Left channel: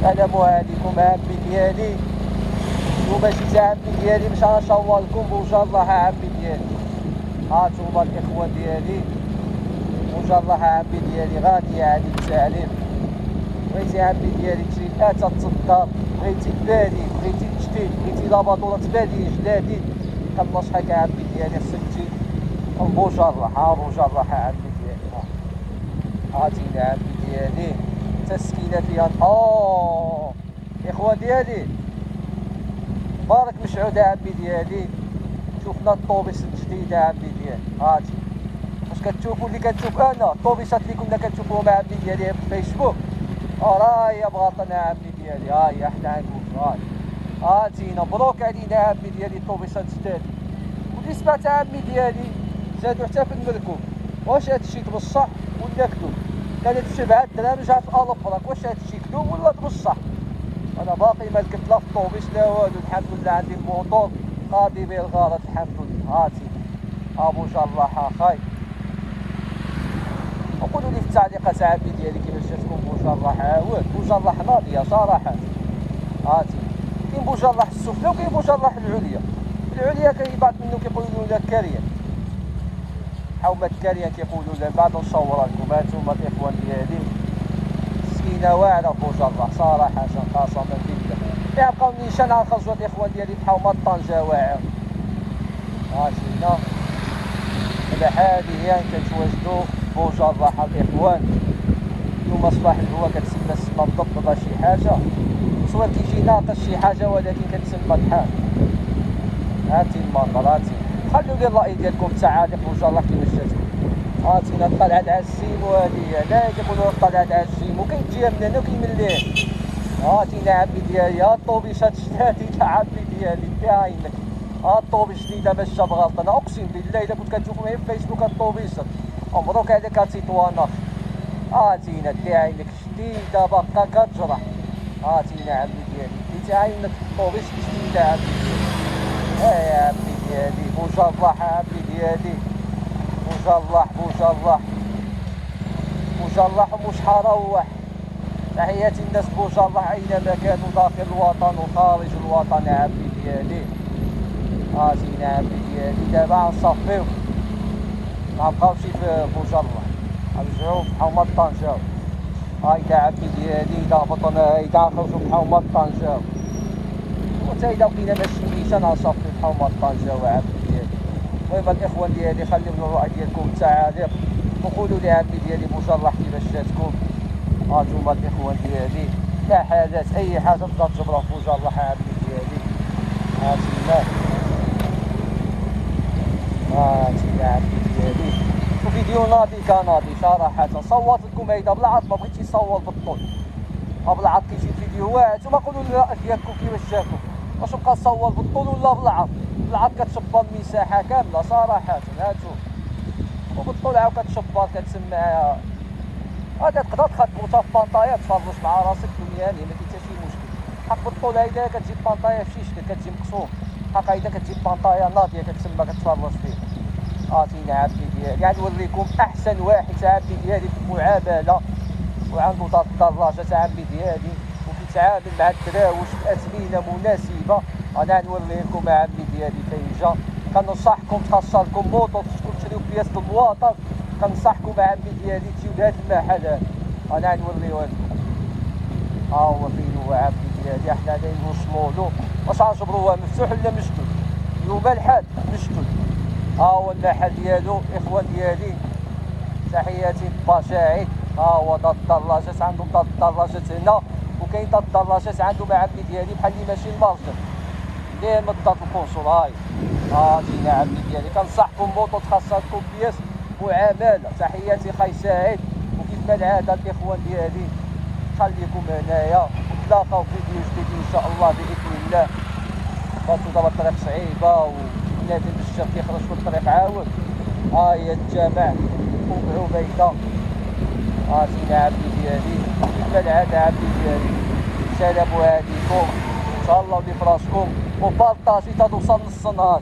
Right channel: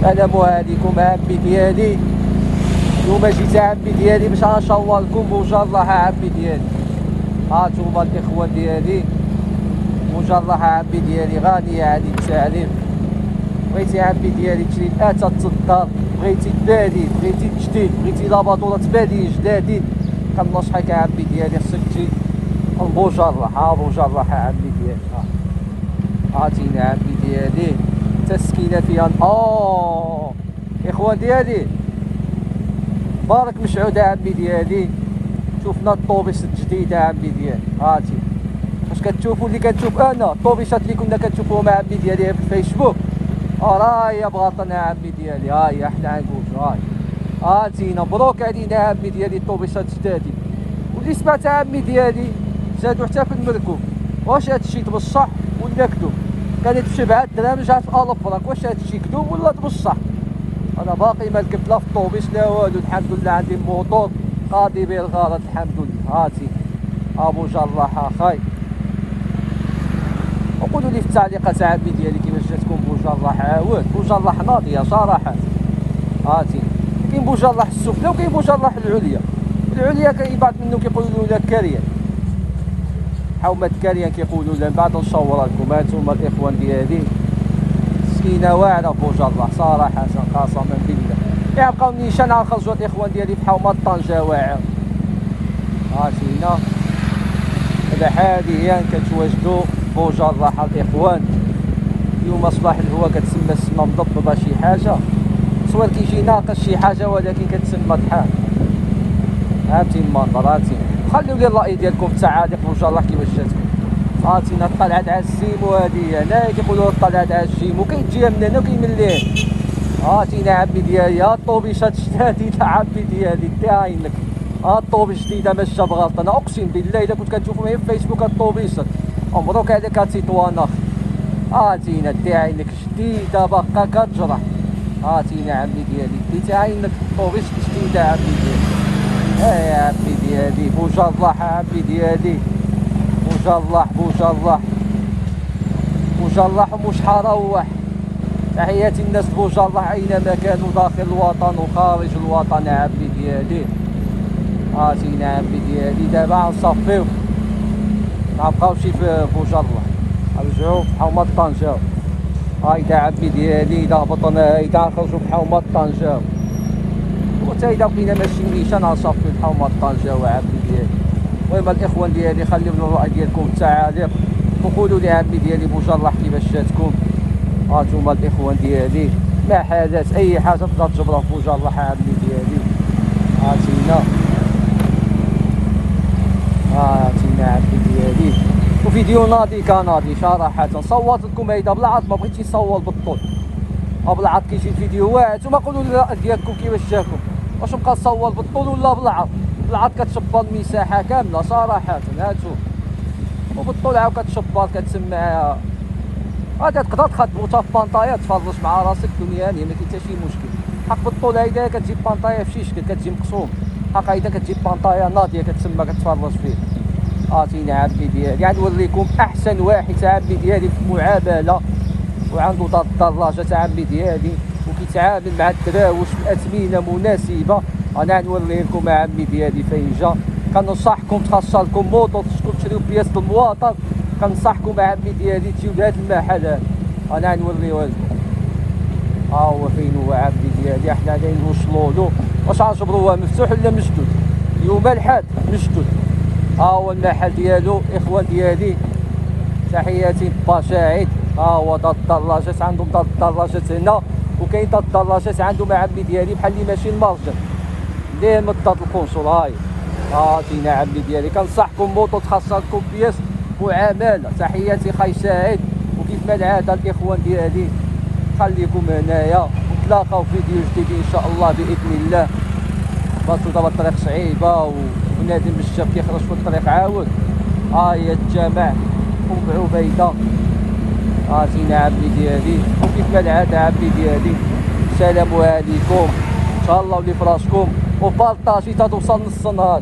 السلام عليكم عمي ديالي. نتوما جيت عمي ديالي باش نشاور لكم بوجه الله عمي ديالي. ها نتوما الاخوان ديالي بوجه الله عمي ديالي غالية عليك التعليم. بغيتي عمي ديالي تشري اثاث الدار، بغيتي تبادي، بغيتي تجديد، بغيتي لاباطورة تبادي جدادين، كنصحك عمي ديالي خصك تجي لبوجه الله. ها بوجه الله عمي ديالي. عاطيني عمي ديالي تسكينه فيها. اخوان ديالي بارك مشعود عمي ديالي. شوفنا الطوبيس الجديده عمي ديالي. هاتي واش كتشوفوا اللي كنشوف انا الطوبيسات اللي كنا كنشوفوهم عمي ديالي في الفيسبوك. راه هي بغاطنا عمي ديالي. ها هي حنا عنقود. هاتينا مبروك علينا عمي ديالي الطوبيسات جدادين. واللي سمعت عمي ديالي زادوا حتى في المركوب. واش هادشي بصح ولا كذوب؟ كانت ب7 دراهم رجعت ب 1000 فرانك. واش هادشي كذوب ولا بصح؟ انا باقي ما ركبت لا في الطوبيس لا والو. الحمد لله عندي موطور قاضي به الغرض الحمد لله. هاتي بوجه الله اخاي. وقولوا لي في التعليقات عمي ديالي كيفاش جاتكم بوجه الله. عاود بوجه الله ناضيه صراحه. هاتي كاين بوجه الله السفلى وكاين بوجه الله العليا. العليا كاين بعض منهم كيقولوا لها كاريه، حومة كاريان كيقولوا لها. من بعد نصورها لكم. هانتوما الاخوان ديالي سكينه واعره بوجه الله صراحه قسما بالله. يبقاو نيشان على خرجوا الاخوان ديالي في حومه طنجه واعر. هاتينا هذا حاليا كتواجدوا بوجه الله الاخوان. اليوم صباح الهوا كتسمى السما مضبضه شي حاجه، تصوير كيجي ناقص شي حاجه ولكن كتسمى ضحان. هاتي المنظر. هاتي خليو لي الراي ديالكم في التعاليق بوجه الله كيفاش جاتكم. عاطينا طلعت على الجيم وهذه هنا كيقولوا طلعت على الجيم وكاين تجيها من هنا وكاين من الليل. عاطينا عمي ديالي ها الطوبيسات جدادين عمي ديالي كاينك. ها الطوبيس جديده ماشيه بغلط. انا اقسم بالله الا كنت كتشوفهم غير في فيسبوك الطوبيسات مبروك عليك التطوان اخ. عاطينا داعينك جديده باقا كتجرح. عاطينا عمي ديالي داعينك الطوبيس جديده عمي ديالي. يا عمي ديالي بوجه الله عمي ديالي. بوجه الله بوجه الله بوجه الله ومش حروح. تحياتي الناس بوجه الله اينما كانوا داخل الوطن وخارج الوطن عمي ديالي. عاطينا عمي ديالي دابا غنصفيو مابقاوشي في بوجه الله نرجعو في حومه طنجة. هايدا عمي ديالي اذا هبطنا اذا نخرجو في حومه طنجة وتا اذا بقينا ماشيين نيشان غنصفيو في حومه طنجة وعمي ديالي. المهم الاخوان ديالي خليو لنا الراي ديالكم في التعاليق وقولوا لي عمي ديالي بوجه الله كيفاش جاتكم. هانتوما الاخوان ديالي لا حدث اي حاجه تقدر تجبرها في بوجه الله عمي ديالي. هاتينا عمي ديالي وفيديو ناضي كناضي صراحه. صوت لكم هيدا بالعرض ما بغيتش نصور بالطول بالعرض كيجي الفيديو واعر. نتوما قولوا لي الراي ديالكم كيفاش جاكم. واش نبقى نصور بالطول ولا بالعرض؟ بالعرض كتشبر المساحه كامله صراحه. هانتوما وبالطول عاود كتشبر كتسمع. هذا تقدر تخدمو حتى في بانطايا تفرج مع راسك دنيا ما كاين حتى شي مشكل. حق بالطول هيدا كتجيب بانطايا في شي شكل كتجي مقسوم. حق هيدا كتجيب بانطايا ناضيه كتسمى كتفرج فيه. عاطيني عمي ديالي يعني نوريكم احسن واحد عمي ديالي في المعامله وعنده دراجه عمي ديالي وكيتعامل مع الدراوش باثمنه مناسبه. انا نوري لكم عمي ديالي فين جا. كنصحكم تخصص لكم موطو تشريو بياس المواطن. كنصحكم عمي ديالي تجيو لهاد المحل هذا. انا نوريوه لكم. ها هو فين هو عمي ديالي. حنا غادي نوصلوا له. واش غنجبروه مفتوح ولا مسدود؟ اليوم الحد مسدود. ها هو المحل ديالو اخوان ديالي. تحياتي باشاعد. ها هو دار الدراجات عندهم دار الدراجات هنا وكاين دار الدراجات عندهم عمي ديالي بحال اللي ماشي المرجع ليه من دار القنصل. هاي جينا عمي ديالي. كنصحكم موطو تخصص لكم بياس وعماله. تحياتي خاي سعيد. وكيف ما العاده الاخوان ديالي خليكم هنايا نتلاقاو في فيديو جديد ان شاء الله باذن الله. باتو دابا الطريق صعيبه ونادي بالشاب كيخرج في الطريق عاود. هي الجامع وضع عبيده. جينا عمي ديالي وكيف ما العاده عمي ديالي. السلام عليكم. تهلاو لي فراسكم وبارطاجي تا توصل نص النهار.